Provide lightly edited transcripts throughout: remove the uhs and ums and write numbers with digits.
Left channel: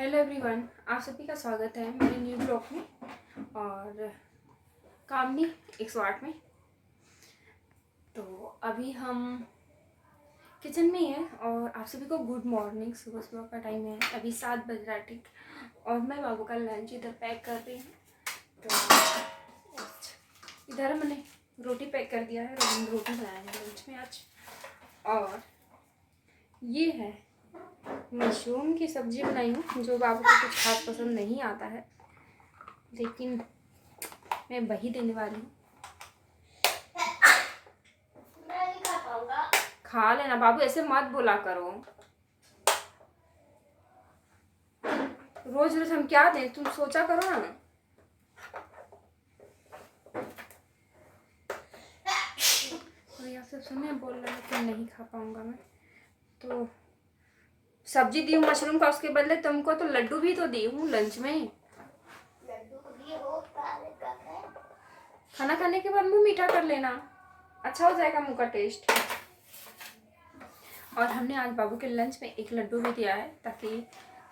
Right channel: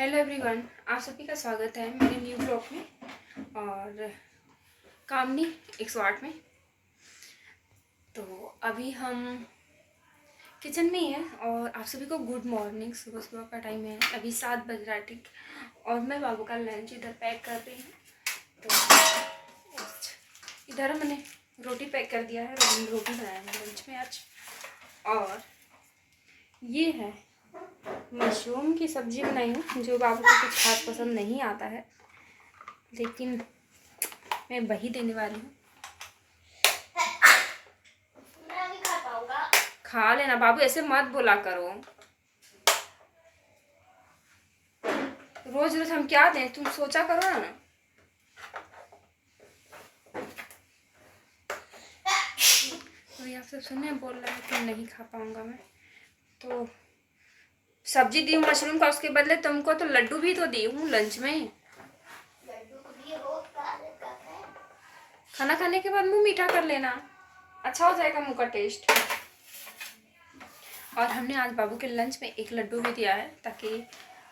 Hello everyone, आप सभी का स्वागत है मेरे न्यू ब्लॉग में और कामनी 108 में। तो अभी हम किचन में ही हैं और आप सभी को गुड मॉर्निंग। सुबह सुबह का टाइम है, अभी 7 बज रहा है ठीक। और मैं बाबू का लंच इधर पैक कर रही हूँ। तो इधर मैंने रोटी पैक कर दिया है, रोटी बनाया है लंच में आज। और ये है मशरूम की सब्ज़ी बनाई हूँ, जो बाबू को कुछ खास पसंद नहीं आता है, लेकिन मैं वही देने वाली हूँ। नहीं खा पाऊंगा। खा लेना बाबू, ऐसे मत बोला करो। रोज रोज हम क्या दें, तुम सोचा करो ना। तो आप सब सुने बोल रहे हैं कि नहीं खा पाऊंगा मैं, तो सब्जी दी हूँ मशरूम का, उसके बदले तुमको तो लड्डू भी तो दी हूँ लंच में। लड्डू भी हो खाना खाने के बाद मुंह मीठा कर लेना, अच्छा हो जाएगा मुंह का टेस्ट। और हमने आज बाबू के लंच में एक लड्डू भी दिया है ताकि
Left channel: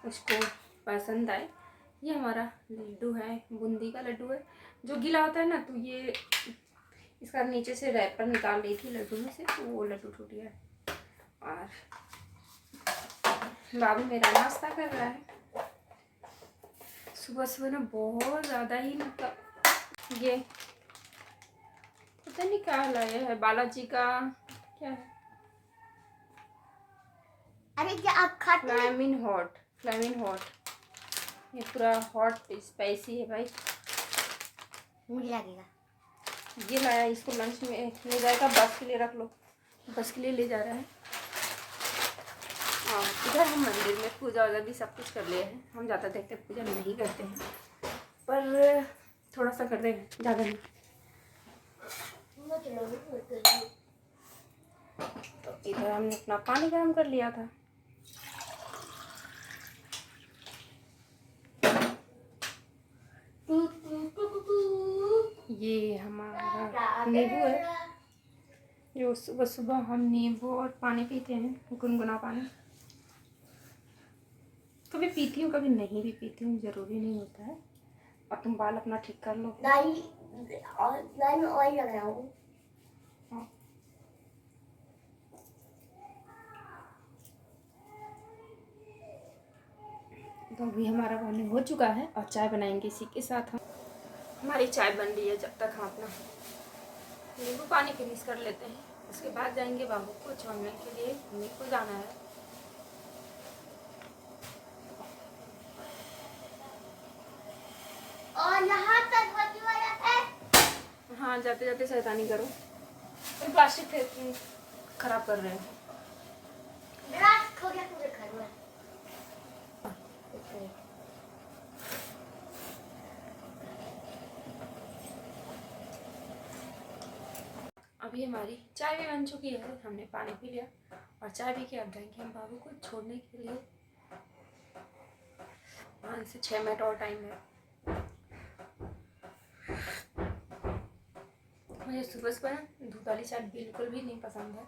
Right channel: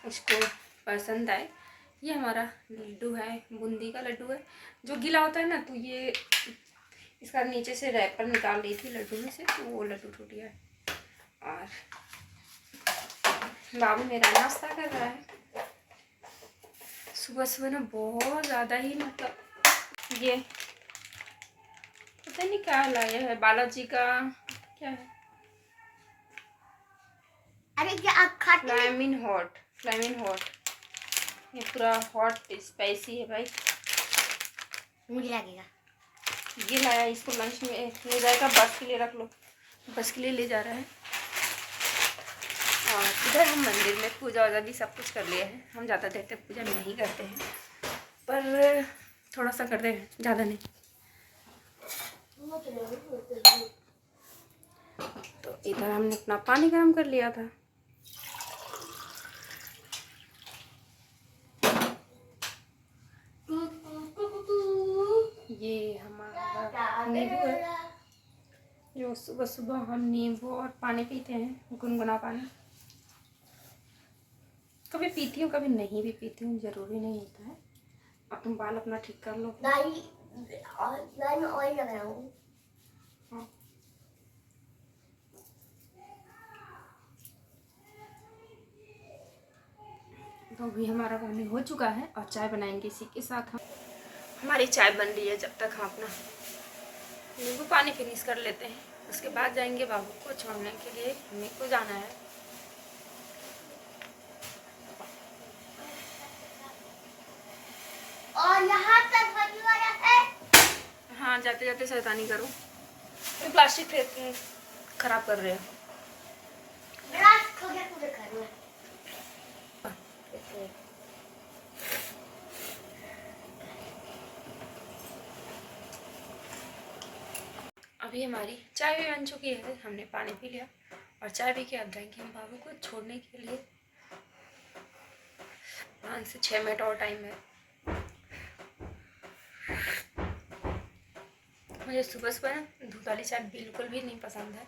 उसको पसंद आए। ये हमारा लड्डू है, बूंदी का लड्डू है, जो गीला होता है ना, तो ये इसका नीचे से रैपर निकाल रही थी लड्डू में से, तो वो लड्डू टूट गया है। और बाबू मेरा नाश्ता कर रहा है। सुबह सुबह ना बहुत ज़्यादा ही, मतलब ये पता नहीं क्या लाया है, बालाजी का क्या है, अरे क्या आप खाते हैं? फ्लामिन हॉट। ये पूरा हॉट स्पाइसी है भाई, मुझे लगेगा। ये लाया, इसको लंच में ले जाएगा, बस के लिए रख लो, बस के लिए ले जा रहा है। और इधर हम मंदिर में पूजा वूजा भी सब कुछ कर लिए हैं। हम ज़्यादा देर तक पूजा नहीं करते हैं, पर थोड़ा सा करते हैं, ज़्यादा नहीं। तो इधर हमने अपना पानी गर्म कर लिया था। ये हमारा नींबू है, जो सुबह सुबह हम नींबू और पानी पीते हैं, गुनगुना पानी। कभी पीती हूँ कभी नहीं भी पीती हूँ, ज़रूरी नहीं होता है। अब तुम बाल अपना ठीक कर लो। मैं ऑयल लग रहा हूँ। हाँ। तो अभी हमारा पानी हो चुका है और चाय बनाएंगे इसी के साथ। हम हमारी चाय बन रही है, जब तक हम अपना नींबू पानी फिनिश कर लेते हैं, उसके बाद जाएंगे बाबू को छोड़ने के लिए। हमें को जाना है। और यहाँ तक होने वाला है। हाँ, जाते जाते शैतानी करो, ये प्लास्टिक फेंक खराब कर रहे हो। ग्लास खो गया, तुझे खाना है। अभी हमारी चाय भी बन चुकी है, हमने पानी पी लिया और चाय पी के अब जाएंगे हम बाबू को छोड़ने के लिए। 5 से 6 मिनट और टाइम है। मुझे सुबह सुबह दूध वाली चाय बिल्कुल भी नहीं पसंद है,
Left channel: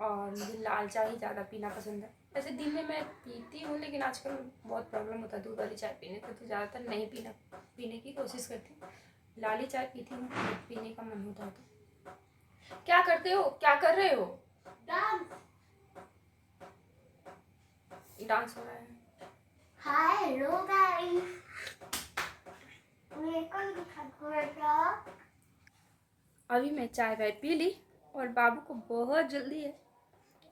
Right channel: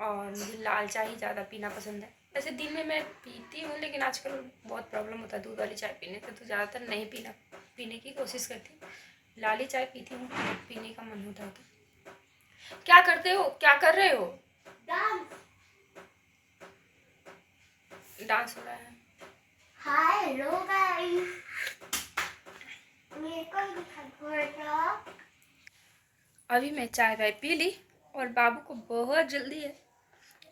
और मुझे लाल चाय ही ज़्यादा पीना पसंद है। वैसे दिन में मैं पीती हूँ, लेकिन आजकल बहुत प्रॉब्लम होता है दूध वाली चाय पीने से, तो ज़्यादातर नहीं पीने की कोशिश करती हूँ। लाली चाय पीती हूँ, पीने का मन होता है तो। क्या करते हो, क्या कर रहे हो? डांस हो रहा है। हेलो गाइस, मेरे को दिखा। अभी मैं चाय वाय पी ली और बाबू को बहुत जल्दी है,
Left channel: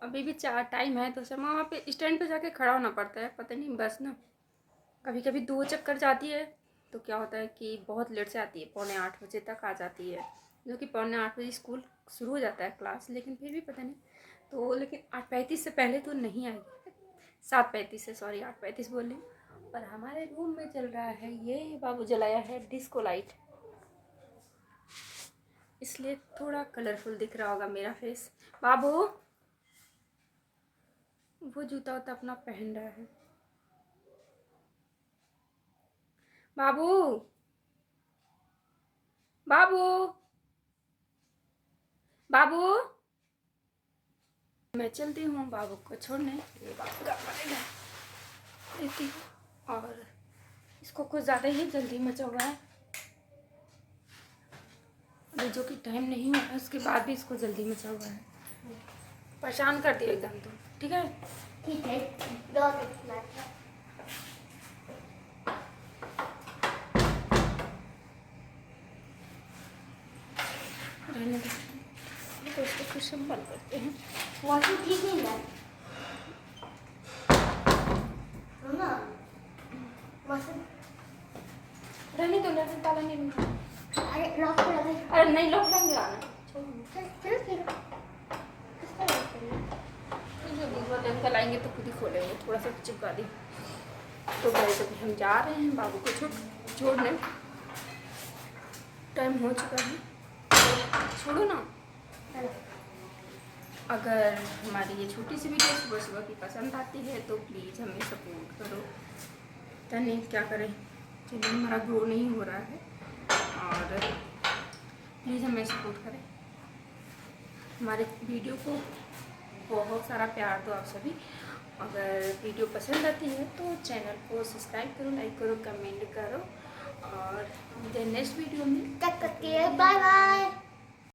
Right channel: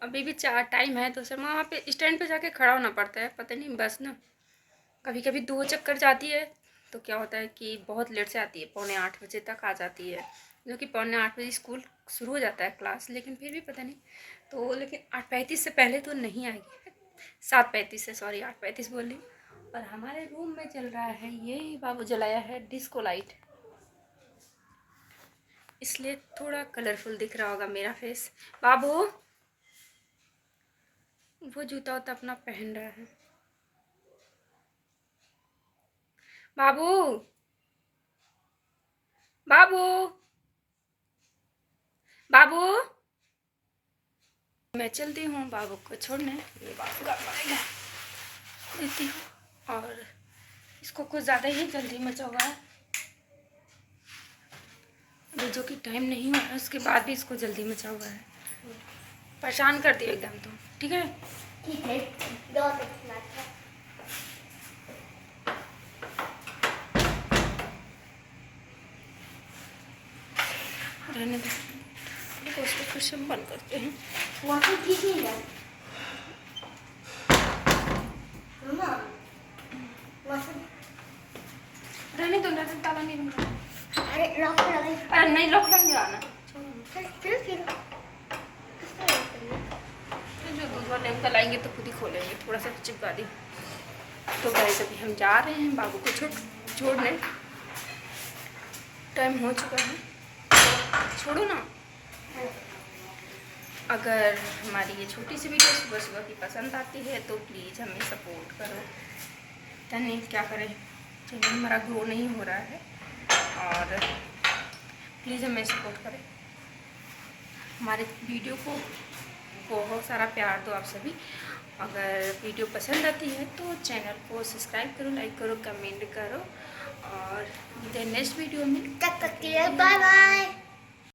अभी भी 4 टाइम है, तो सर वहाँ पे स्टैंड पे जाके खड़ा होना पड़ता है। पता नहीं बस ना कभी कभी 2 चक्कर जाती है, तो क्या होता है कि बहुत लेट से आती है, 7:45 तक आ जाती है, जो कि 7:45 स्कूल शुरू हो जाता है क्लास, लेकिन फिर भी पता नहीं। तो लेकिन 8:35 से पहले तो नहीं आएगी, 7:35 से, सॉरी 8:35 बोल रही हूँ। पर हमारे रूम में चल रहा है, ये बाबू जलाया है डिस्को लाइट, इसलिए थोड़ा कलरफुल दिख रहा होगा मेरा फेस। बाबू वो जूता उता अपना पहन रहा है। बाबू बाबू बाबू मैं चलती हूँ बाबू को छोड़ने। ये बाबू का पड़ेगा, लेती हूँ। और इसको कुछ ज़्यादा ही जल्दी मचा हुआ है, अभी जो कि टाइम नहीं हुआ है उसके बाद भी इसको जल्दी मचा हुआ है। परेशान कर दिया एकदम। तो ठीक है, ठीक है, 2 मिनट है। रहने दो, तो उसको फिर से हम बंद करते हैं। मौसम ठीक ही है मम्मा, मौसम। रहने दो, रहने दो, ताला नहीं बंद करना। अरे लॉक कर दे। अरे नहीं, लॉक लग गया ना। चल फिर किसको लॉक करिए? फिर जो दूध वाले अंकल आएंगे तो खुद ही खोलेंगे, थोड़ा सा चिपका दी। तो गाइस अभी हम जा रहे हैं बाबू को छोड़ने, टाइम हो चुका है। तो छोड़ो ना। अगर हमारी ये छोटी सी वीडियो सुबह सुबह की पसंद आती है तो प्लीज़ हमें सपोर्ट करो। नहीं क्या करें, चैनल हमारा ग्रो नहीं हो रहा है, और प्लीज़ हमें सपोर्ट करें। हमारे वीडियो को बहुत सारा प्यार दो आप सभी। अगर वीडियो पसंद आती है तो चैनल को सब्सक्राइब करो, लाइक करो, कमेंट करो, और नेक्स्ट वीडियो में तब तक के लिए बाय बाय।